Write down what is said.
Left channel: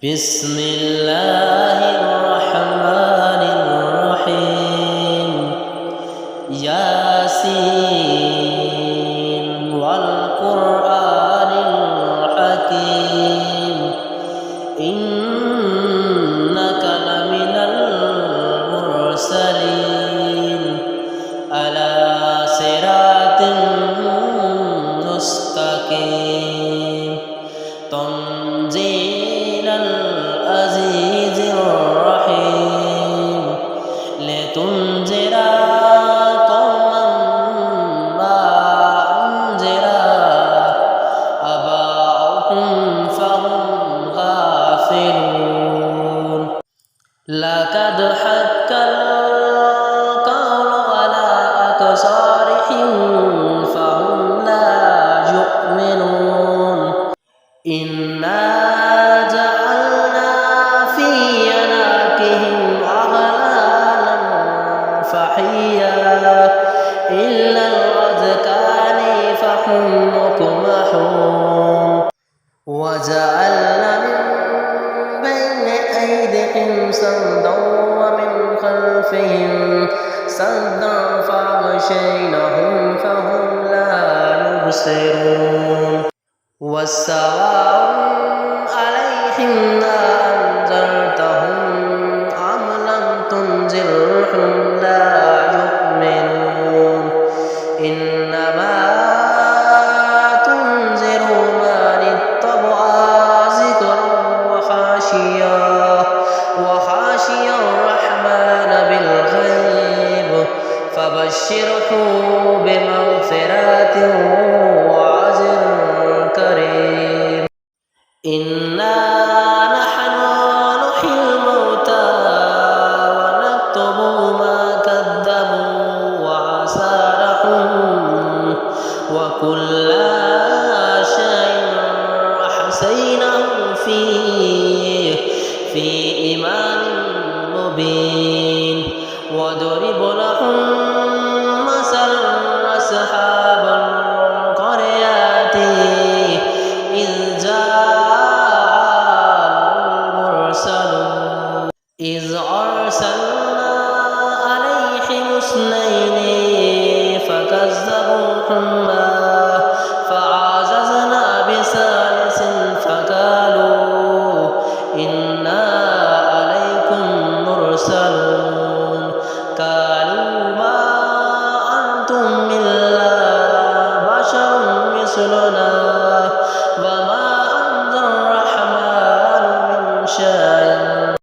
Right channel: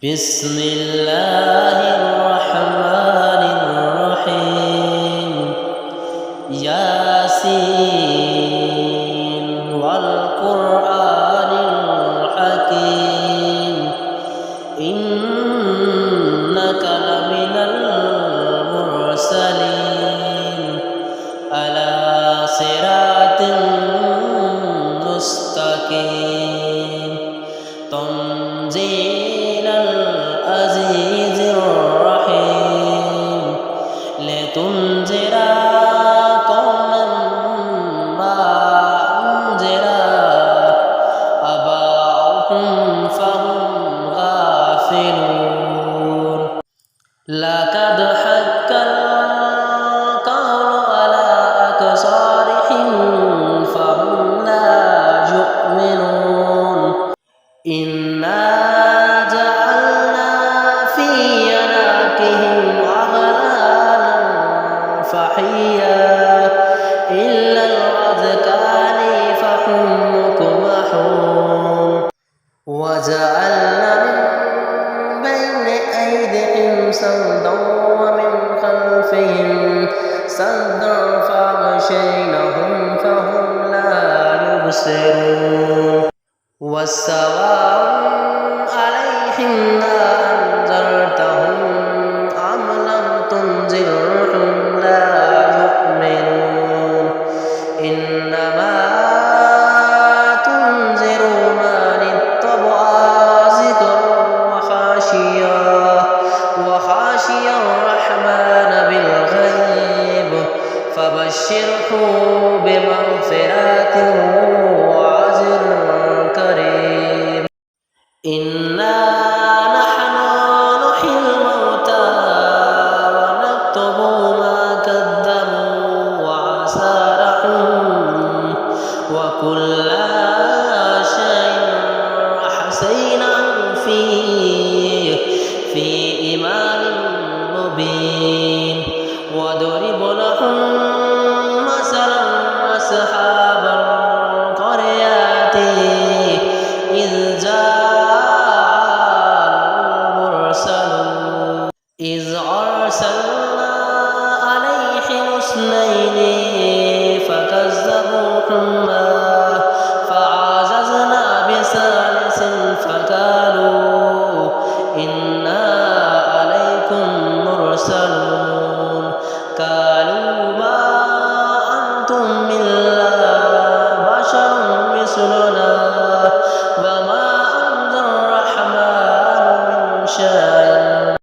بسم الله الرحمن الرحيم ياسين والقرآن الحكيم إنك لمن المرسلين على صراط مستقيم تنزيل العزيز الرحيم لتنذر قوما ما أنذر آباؤهم فهم غافلون لقد حق القول على أكثرهم فهم لا يؤمنون إنا جعلنا في أعناقهم أغلالا فهي إلى الأذقان فهم مقمحون وجعلنا من بين أيديهم سدا ومن خلفهم سدا فأغشيناهم فهم لا يبصرون والسواء عليهم أنذرتهم أم لم تنذرهم لا يؤمنون إنما تنذر من اتبع ذكر وخشي الرحمن بالغيب فبشره بمغفرة وأجر كريم إنا نحن نحيي الموتى ونكتب ما قدموا وآثارهم وكل شيء أحصيناه في إمام مبين وضرب لهم مثلا أصحاب القرية إذ أرسلنا عليهم اثنين فكذبوهما فعززنا بثالث فقالوا إنا عليكم مرسلون قالوا ما أنتم إلا بشر مثلنا وما أنزل الرحمن من شيء